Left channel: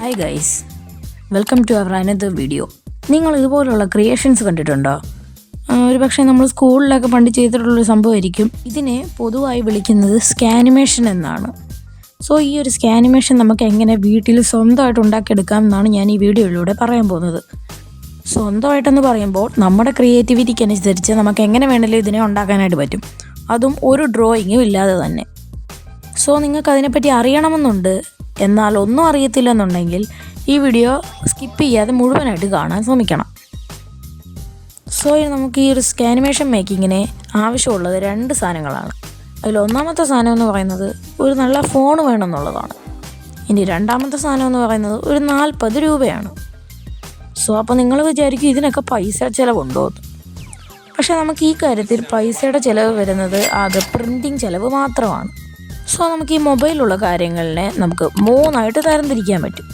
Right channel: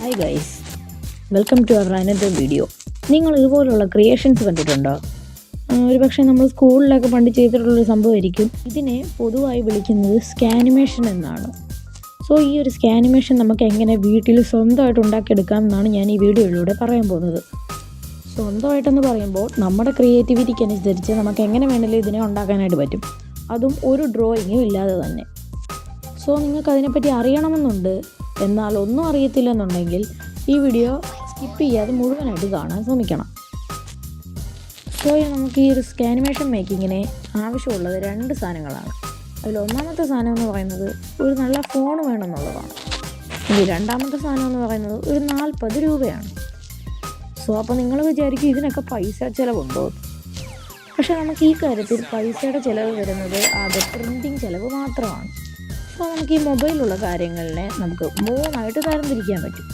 Hi guys, welcome to our another video. നിങ്ങൾ ഇതുപോലുള്ള creations കണ്ടിട്ടുണ്ടോ? ഒരു പക്ഷേ നമ്മൾ സ്കൂളിലൊക്കെ പണ്ട് ചെയ്തിട്ടുള്ളൊരു സംഭവമായിരിക്കും. ഇതിനെ പൊതുവായി വിളിക്കുന്നത് സ്കാനിമേഷൻ എന്നാണ്. സോ ഈ ഒരു സ്കാനിമേഷൻ നമുക്ക് എങ്ങനെ വീട്ടിൽ സ്വന്തമായിട്ട് ഉണ്ടാക്കിയെടുക്കാം എന്നാണ് ഞാൻ ഈ വീഡിയോയിലൂടെ പറയാൻ പോകുന്നത്. സ്വന്തമായിട്ടെന്ന് പറയുമ്പോൾ നമ്മുടെ ക്രിയേറ്റിവിറ്റിക്ക് അനുസരിച്ച് നമുക്ക് എങ്ങനെ വേണമെങ്കിലും ഇതിനെ ഉണ്ടാക്കാനായിട്ട് പറ്റും, അതും ഒരു ഡ്രോയിങ്ങും ഇല്ലാതെ തന്നെ. സോ നിങ്ങൾക്ക് അതിനെപ്പറ്റി അറിയണമെന്നുണ്ട്, എന്നാൽ ഒന്നും അറിയത്തില്ലെന്നുണ്ടെങ്കിൽ ഈ വീഡിയോ സ്കിപ്പ് ചെയ്യാതെ മുഴുവനായിട്ട് കാണാൻ ശ്രമിക്കണം. സോ നമുക്ക് ഈ ഒരു സ്കാനിമേഷൻ മേക്കിങ്ങിന് ആവശ്യമുള്ളത് 2 സാധനങ്ങളാണ്. അതിൽ ഒന്നാമത്തെ സാധനം എന്ന് പറയുന്നത് ഒരു നല്ല ഫോൺ വേണമെന്നുള്ളതാണ്. ഇനി രണ്ടാമത്തെ സാധനം എന്ന് പറയുന്നത് ഒരു 40 രൂപയാണ്. സോ അപ്പോൾ നിങ്ങൾ വിചാരിക്കും ഇതിനൊക്കെ പൈസ ചിലവുണ്ടോ? പക്ഷേ നമുക്ക് ഈ കാര്യത്തിൽ പൈസയുടെ ചിലവ് വരുന്നത് അത് പ്രിൻറ്റിങ് ചിലവ് മാത്രമാണ്. സോ നമുക്ക് ഈ മൊബൈലിലുള്ള കാര്യങ്ങളിനെ നമുക്ക് 3 ആയിട്ട് തരംതിരിക്കാൻ പറ്റും.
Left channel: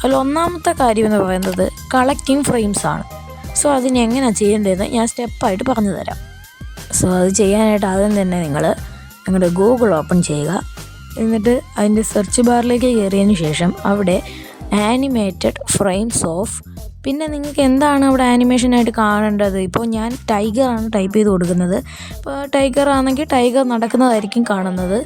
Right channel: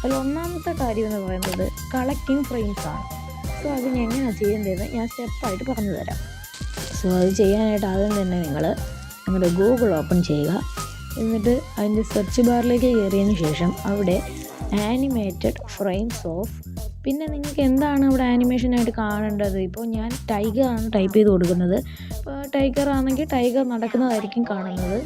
അതിൽ ഒന്നാമത്തെ കാര്യം എന്ന് പറയുന്നത് കളക്റ്റിംഗ് ഫ്രെയിംസ് ആണ്. സോ അതിനെങ്ങനെയാണ് ചെയ്യേണ്ടതെന്ന് ഞാൻ സ്റ്റെപ്പായിട്ട് പറഞ്ഞു തരാം. സോ അത് ചെയ്യാനായിട്ട് ആദ്യം തന്നെ നിങ്ങളുടെ ഗൂഗിൾ ഓപ്പൺ ചെയ്യുക. എന്നിട്ട് അതിൻ്റെ സെർച്ച് ബാറിലേക്ക് കയറിയതിന് ശേഷം അവിടെ ആനിമേറ്റഡ് ഫ്രെയിംസ് ഓഫ്, പിന്നെ നിങ്ങൾക്ക് എന്താണ് അവിടെ ആനിമേഷനായിട്ട് കാണേണ്ടത്. ഇപ്പോൾ ഞാൻ ടൈഗറാണ് ടൈപ്പ് ചെയ്ത് കൊടുക്കുന്നത്. ഇപ്പോൾ ടൈഗർ ആണെങ്കിൽ ടൈഗർ നടക്കുന്നതായിരിക്കും കാണുന്നത്.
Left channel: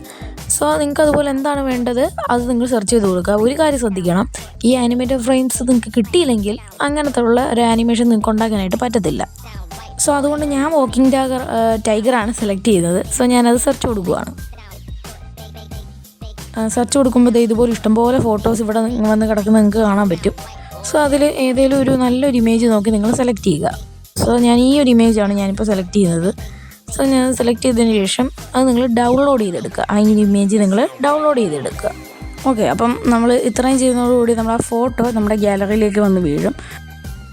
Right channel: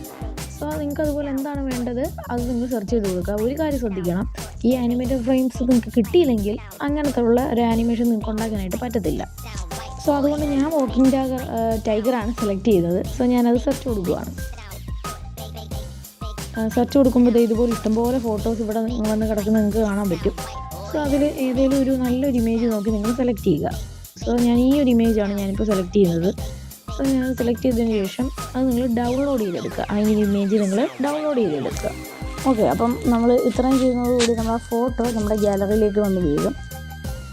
സോ നിങ്ങൾക്ക് അതുപോലെ എന്താണ് വേണ്ടത് അത് നിങ്ങൾ സെർച്ച് ചെയ്ത് കൊടുക്കുക. ഒരു കാര്യം ശ്രദ്ധിക്കണം, ഈ ആനിമേറ്റഡ് ഫ്രെയിംസ് നിങ്ങൾക്ക് കിട്ടിയില്ലെങ്കിൽ അങ്ങനത്തെ ഉള്ള ഒരു ആനിമേഷൻ നിങ്ങൾക്ക് ഉണ്ടാക്കാനായിട്ട് പറ്റത്തില്ല. സോ അതുകൊണ്ട് ഞാൻ വാക്കിംഗ് ടൈഗറാണ് സെലക്ട് ചെയ്തത്. സോ ഞാനത് സെർച്ച് കൊടുക്കുകയാണ്. സെർച്ച് കൊടുക്കുമ്പോൾ ഇതുപോലെ ഇഷ്ടംപോലെ ഫോട്ടോസ് ഇവിടെ വന്ന് കിടക്കുന്നത് നിങ്ങൾക്ക് കാണാൻ പറ്റും. സോ അതിൽ ഏതെങ്കിലും ഒരു നല്ലൊരു ഇമേജ് നോക്കി നിങ്ങൾ സെലക്ട് ചെയ്യുക. സോ ഞാൻ ഈ ഒരു ഇമേജാണ് ഞാനിപ്പോൾ സെലക്ട് ചെയ്യുന്നത്. സോ ഞാൻ സെലക്ട് ചെയ്തതിന് ശേഷം അത് നിങ്ങൾ ഡൗൺലോഡ് ചെയ്തെടുക്കുക. ആ ഇമേജ് നിങ്ങൾ ഡൗൺലോഡ് ചെയ്തെടുക്കുക. ഓക്കെ, അപ്പം നമ്മൾ ഇത്രയും ചെയ്യുന്നതോടുകൂടി നമ്മുടെ ഫോട്ടോ നമ്മുടെ ഗാലറിയിലേക്ക് വന്ന് വീഴും.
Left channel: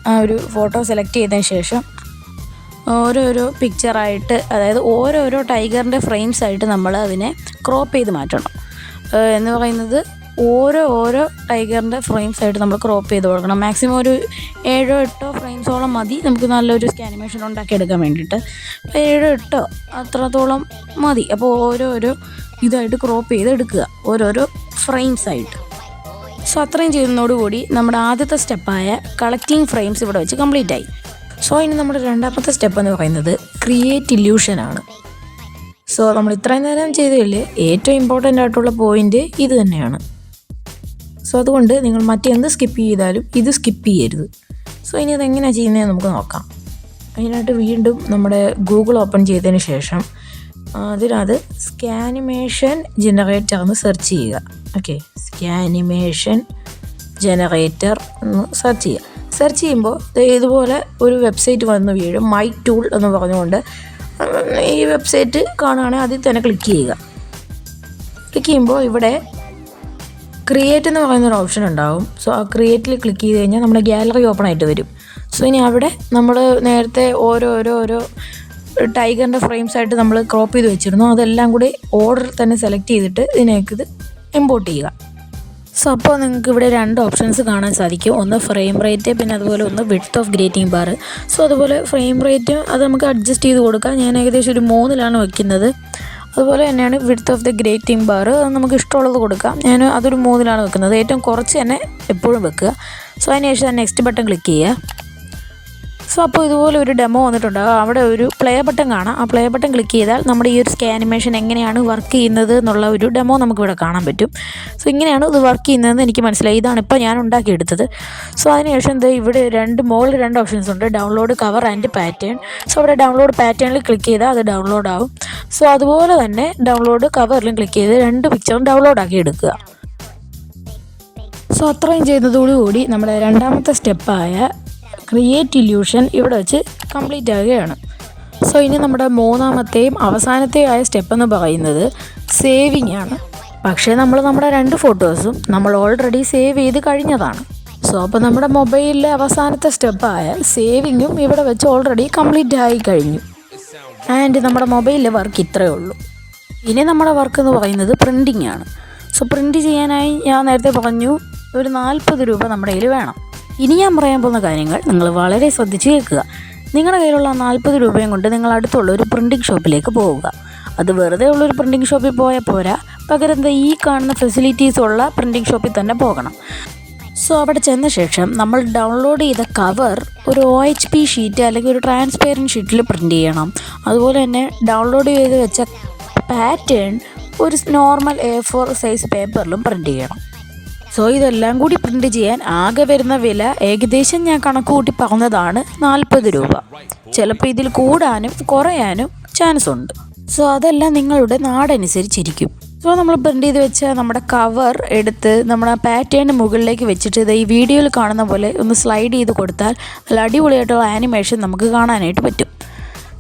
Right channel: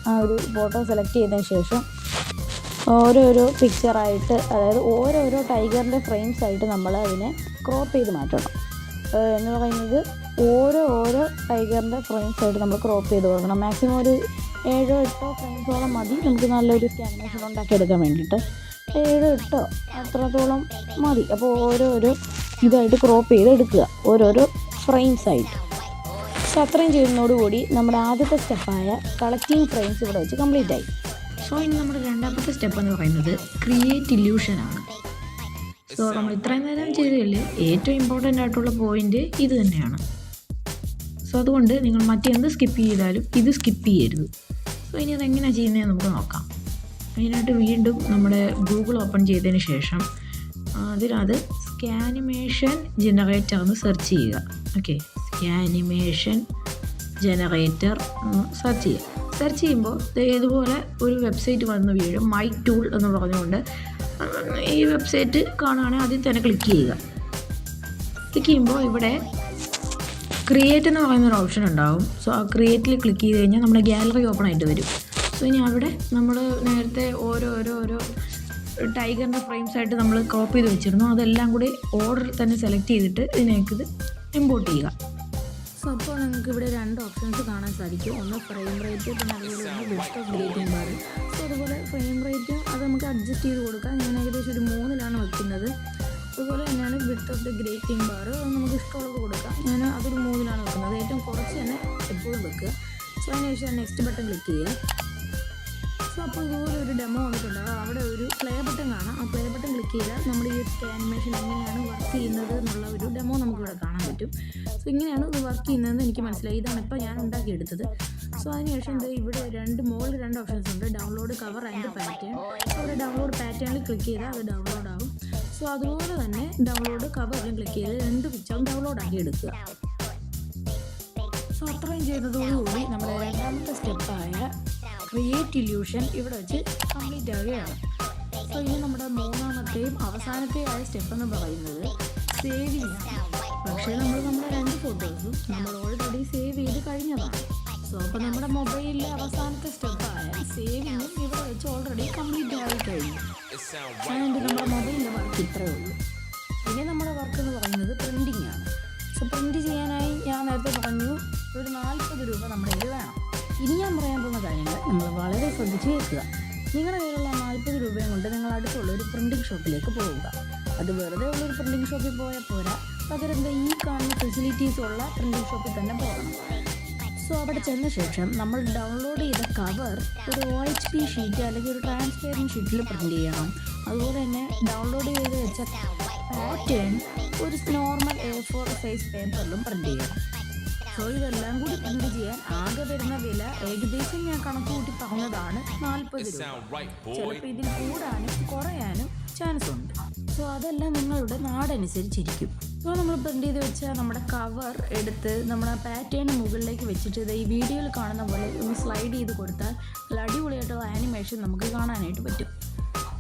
ആ ഒരു ഫോട്ടോ സെലക്ട് ചെയ്തതിന് ശേഷം ഓരോരോ പിക്ചറായിട്ട്, അതായത് ഓരോരോ ടൈഗറിൻ്റെ ഫ്രെയിംസ് ആയിട്ട് നമ്മൾ അതിനെ ക്രോപ്പ് ചെയ്ത് മാറ്റണം. എന്ന് പറയുന്നത് ഓരോ ടൈഗറിൻ്റെ ഫ്രെയിംസ് ആയിട്ട് നമ്മൾ ക്രോപ്പ് ചെയ്ത് കൊടുക്കണം. മാക്സിമം ഒരു 7-8 ഫ്രെയിംസോളം മതി നമുക്ക് നല്ലൊരു സ്കാനിമേഷൻ ഉണ്ടാക്കിയെടുക്കാൻ വേണ്ടിയിട്ട്. 7-8 അത്രത്തോളം മതി. അപ്പോൾ ഓരോരോ ഇതായിട്ട് ക്രോപ്പ് ചെയ്ത് എടുക്കുക, ഓരോരോ ഫ്രെയിംസ് ആയിട്ട്. സോ അത്രയും ചെയ്യുന്നതോടുകൂടി നമ്മുടെ ആദ്യത്തെ സ്റ്റെപ്പായ കളക്റ്റിംഗ് ഫ്രെയിംസ് ഇവിടെ വെച്ച് കംപ്ലീറ്റ് ആയി. സോ ഇനി നമ്മുടെ രണ്ടാമത്തെ സ്റ്റെപ്പ് എന്ന് പറയുന്നത് ക്രിയേറ്റ് ഇല്യൂഷനാണ്. സോ നമ്മൾ ഇത്രയും നേരം ചെയ്തതിൽ ഏറ്റവും ഇമ്പോർട്ടൻ്റ് ആയിട്ടുള്ള പോയിൻ്റ് ഇത് തന്നെയാണ്. സോ അതുകൊണ്ട് നിങ്ങൾ മറ്റെന്ത് സ്കിപ്പ് ചെയ്താലും ഇത് സ്കിപ്പ് ചെയ്യരുത്. സോ ഇനി അതെങ്ങനെയാണ് ചെയ്യുന്നതെന്ന് നമുക്ക് നോക്കാം. അതിനായിട്ട് വീണ്ടും നമ്മുടെ ഗൂഗിൾ ഓപ്പൺ ചെയ്തതിന് ശേഷം അതിനകത്ത് സ്കാനിമേഷൻ ജനറേറ്റർ എന്ന് സെർച്ച് ചെയ്യുക. ഓക്കെ, സ്കാനിമേഷൻ ജനറേറ്റർ എന്ന് സെർച്ച് ചെയ്യുക. സെർച്ച് ചെയ്യുമ്പോൾ ഇതുപോലെ ഒരു വെബ്സൈറ്റ് വന്ന് വീഴും, മൈ ടൂൾ എന്ന് പറഞ്ഞുകൊണ്ട്. ഈ വെബ്സൈറ്റ് കാണുകയാണെങ്കിൽ അതിൽ തന്നെ ക്ലിക്ക് ചെയ്യുക. ക്ലിക്ക് ചെയ്യുമ്പോൾ ഇവിടെ ക്രിയേറ്റ് എന്ന് പറയുന്നൊരു ഓപ്ഷൻ ഉണ്ടാവും. സോ ആ ക്രിയേറ്റിൽ ക്ലിക്ക് ചെയ്ത് കഴിഞ്ഞാൽ നമ്മുടെ ഗാലറി ഓപ്പൺ ആയിട്ട് വരും. സോ ഇനി അവിടെ നമ്മൾ നേരത്തെ ഓരോ ടൈഗറിൻ്റെ ഫ്രെയിംസ് ആയിട്ട് നമ്മൾ ക്രോപ്പ് ചെയ്ത് വെച്ചിരുന്നു, അതെല്ലാം കൂടി ഓർഡറിൽ തന്നെ സെലക്ട് ചെയ്തിട്ട് ഇതിനേക്ക് ഇത് ഇമ്പോർട്ട് ചെയ്യുക. സോ അപ്പോൾ നിങ്ങൾക്ക് ഇവിടെ 2 ഓപ്ഷൻസ് കാണാൻ സാധിക്കും. ഒന്ന് ഫ്രെയിം റേറ്റ്, പിന്നെ അതുപോലെ ഒന്ന് width of grating bar. So അതുപോലെ ഫ്രെയിം റേറ്റ് അത് നമുക്ക് അഡ്ജസ്റ്റ് ചെയ്ത് കൊടുക്കാം. ഞാൻ ഏകദേശം ഒരു 3-ലാണ് വയ്ക്കുന്നത്. അതുപോലെ തന്നെയാണ് width of the grating bar, അത് നമുക്ക് ഇഷ്ടമുള്ളത് കൊടുക്കാം. ഞാൻ അതൊരു 3-ലാണ് വെക്കുന്നത്. ഏറ്റവും കുറച്ച് തന്നെ എപ്പോഴും വെക്കുക. സോ അതിനുശേഷം നെക്സ്റ്റ് ബട്ടൺ ക്ലിക്ക് ചെയ്യുക. സോ അപ്പോൾ ഇതുപോലെ ഒരു ഡെമോ വന്നിട്ടുണ്ടാകും. അവിടെ ഒരു പ്ലേ ബട്ടൺ കാണാം. ആ പ്ലേ ബട്ടൺ ക്ലിക്ക് ചെയ്താൽ നമ്മുടെ ഈ ഒരു സ്കാനിമേഷൻ എങ്ങനെയാണ് വർക്ക് ചെയ്യുന്നത് എന്നുള്ള ഒരു ഡെമോ നമുക്കിവിടെ കാണാൻ പറ്റും. സോ ഇങ്ങനെയാണ് ഇത് വർക്ക് ചെയ്യുന്നതെന്ന് എനിക്ക് മനസ്സിലായി. ഇതാണ് ഇപ്പോൾ ഞാൻ ഉണ്ടാക്കിയെടുത്തത്. സോ അതിനുശേഷം ഇവിടെ 2 ഓപ്ഷൻസ് ഉണ്ട്, download cover and pattern. So അവിടെ ഡൗൺലോഡ് പാറ്റേണിൽ ക്ലിക്ക് ചെയ്താൽ അത് ഡൗൺലോഡ് ആവും. സോ അതുപോലെ തന്നെ ഡൗൺലോഡ് കവറിലും ക്ലിക്ക് ചെയ്ത് 2 പിക്ചറും ഡൗൺലോഡ് ആക്കി എടുക്കുക. സോ അത്രയും ചെയ്യുന്നതോടുകൂടി നമ്മുടെ രണ്ടാമത്തെ സ്റ്റെപ്പായ ക്രിയേറ്റ് ഇല്യൂഷൻ ഇവിടെ വെച്ച് കംപ്ലീറ്റ് ആവുകയാണ്. സോ ഇനി നമ്മുടെ മൂന്നാമത്തെയും അവസാനത്തെയും ആയ സ്റ്റെപ്പ് എന്ന് പറയുന്നത് സേവിങ് ആണ്. പക്ഷേ നമ്മൾ നമ്മുടെ 2 ഫോട്ടോസും നമ്മൾ ഓൾറെഡി സേവ് ചെയ്ത് കഴിഞ്ഞതാണ്. സോ അപ്പോൾ നമ്മുടെ മൊബൈലിലെ അവസാനത്തെ സ്റ്റെപ്പായ സേവിങ്ങും ഇവിടെ വെച്ച് ഓൾറെഡി കംപ്ലീറ്റ് ആയി കഴിഞ്ഞു. ആൻഡ് നമ്മുടെ മൊബൈലിലെ വർക്ക് ഇത്രയേ ഉള്ളൂ. ഇനി നമ്മുടെ വർക്ക് എന്ന് പറയുന്നത് പ്രിൻറ്റിങ് ആണ്. സോ പ്രിൻറ്റ് ചെയ്യാനായി ഞാൻ നേരത്തെ പറഞ്ഞു ഒരു 40 രൂപ നമ്മുടെ കയ്യിൽ വേണം. ഇനി ഞാൻ പറയാൻ പോകുന്ന കാര്യങ്ങൾ നിങ്ങൾ വളരെ ശ്രദ്ധിച്ച് കേൾക്കുക. നിങ്ങളുടെ കയ്യിലുള്ള 40 രൂപയും കൊണ്ട് നിങ്ങൾ അടുത്തുള്ള ഒരു പ്രിൻറ്റിംഗ് ഷോപ്പിലേക്ക് പോവുക. അത് വെറുതെ ഉള്ളൊരു പ്രിൻറ്റിംഗ് ഷോപ്പിൽ പോയാൽ പോരാ, പകരം ഈ കാണുന്ന ഫെസിലിറ്റീസ് ഉള്ള പ്രിൻറ്റിംഗ് ഷോപ്പിൽ തന്നെ പോകണം. സോ അവിടെ ചെന്ന ശേഷം നമ്മൾ ഡൗൺലോഡ് ചെയ്ത കവർ ഒരു OHP ഷീറ്റ് അല്ലെങ്കിൽ ഒരു ട്രാൻസ്പെറൻറ്റ് ഷീറ്റിൽ പ്രിൻ്റ് ചെയ്യണം. അതുപോലെ തന്നെ ഡൗൺലോഡ് ചെയ്ത് വെച്ച പാറ്റേൺ ഒരു നോർമൽ A4 സൈസ് പേപ്പറിലും പ്രിൻ്റ് ചെയ്യണം. സോ ഇതെല്ലാം കൂടി പ്രിൻ്റ് ചെയ്യാൻ ആകെ വരുന്ന വില ഏകദേശം ഞാൻ കണക്ക് കൂട്ടി പറഞ്ഞതാണ് 40 രൂപ. ചിലപ്പോൾ ഇതിൽ കൂടാനും കുറയാനും ചാൻസ് ഉണ്ട്. സോ അതെല്ലാം നിങ്ങളുടെ നാടനുസരിച്ചിരിക്കും. സോ നമ്മൾ പ്രിൻ്റ് ചെയ്ത് വെച്ച നമ്മുടെ കവർ എടുത്ത് നമ്മുടെ പാറ്റേണിന് മുകളിലേക്ക് വെച്ചിട്ട് ഇത് ഈ വീഡിയോയിൽ കാണുന്ന പോലെ ഒന്ന് സ്ലൈഡ് ചെയ്ത് കൊടുത്താൽ നല്ല അടിപൊളിയായിട്ടുള്ള ആനിമേഷൻ നമുക്ക് കാണാനായിട്ട് പറ്റും.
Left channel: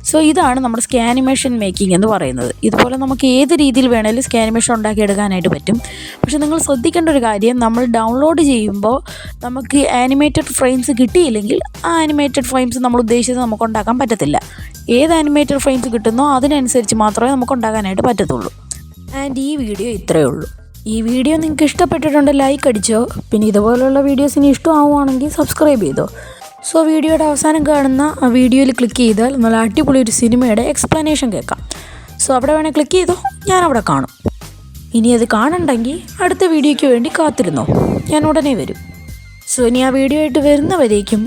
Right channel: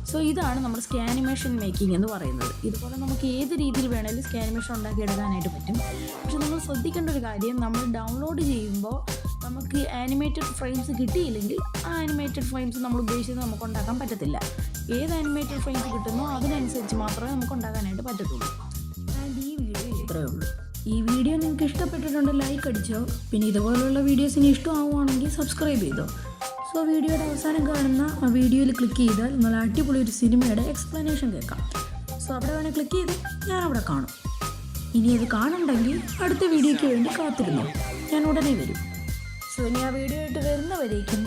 സോ ഇതാണ് നമ്മുടെ സ്കാനിമേഷൻ മേക്കിംഗ് എന്ന് പറയുന്നത്. ഇതുപോലെ നമുക്ക് ഏത് രീതിയിൽ വേണേലും സ്കാനിമേഷൻ ഉണ്ടാക്കിയെടുക്കാനായിട്ട് പറ്റും. പക്ഷേ നിങ്ങൾ ശ്രദ്ധിക്കേണ്ട ഒരു കാര്യം, നമ്മൾ ഡൗൺലോഡ് ചെയ്യുമ്പോൾ നമുക്ക് ആനിമേറ്റഡ് ഫ്രെയിംസ് കിട്ടിയില്ലെങ്കിൽ ആ ആനിമേറ്റഡ് ഫ്രെയിംസ് നമ്മൾ ഉദ്ദേശിച്ചത് നമുക്ക് ഉണ്ടാക്കാൻ പറ്റത്തില്ല. ഏത് ആനിമേറ്റഡ് ഫ്രെയിംസ് കിട്ടുന്നോ അതിനനുസരിച്ച് മാത്രമേ നമുക്ക് ഉണ്ടാക്കാനായിട്ട് പറ്റത്തുള്ളൂ. ആൻഡ് ഈ വീഡിയോ ഇത്രയേ ഉള്ളൂ. ഈ വീഡിയോ നിങ്ങൾക്ക് ഇഷ്ടപ്പെട്ടിട്ടുണ്ടെങ്കിൽ ലൈക്ക് അടിച്ചോ. പിന്നെ ഇതുപോലുള്ള വീഡിയോസ് ഇനി ഇഷ്ടമാവുകയാണെങ്കിൽ സബ്സ്ക്രൈബ് ചെയ്തോ. സോ വീഡിയോയുടെ അവസാനം കാണുന്ന ആ വീഡിയോയിൽ ക്ലിക്ക് ചെയ്താൽ നല്ല അടിപൊളി ഒരു സിനിമയുടെ എക്സ്പ്ലനേഷൻ കേൾക്കാം. സോ അവിടെ വേണേൽ ക്ലിക്ക് ചെയ്തോ, ഞാൻ അവിടെ കാണും. ഇനി അത് കാണണ്ടെങ്കിൽ അടുത്ത വീഡിയോയ്ക്ക് വേണ്ടി കാത്തിരുന്നോ, ഞാൻ ഉടനെ വരും. സോ ഇനി ആ വീഡിയോ ആയിട്ട് വരുന്നവരേക്കും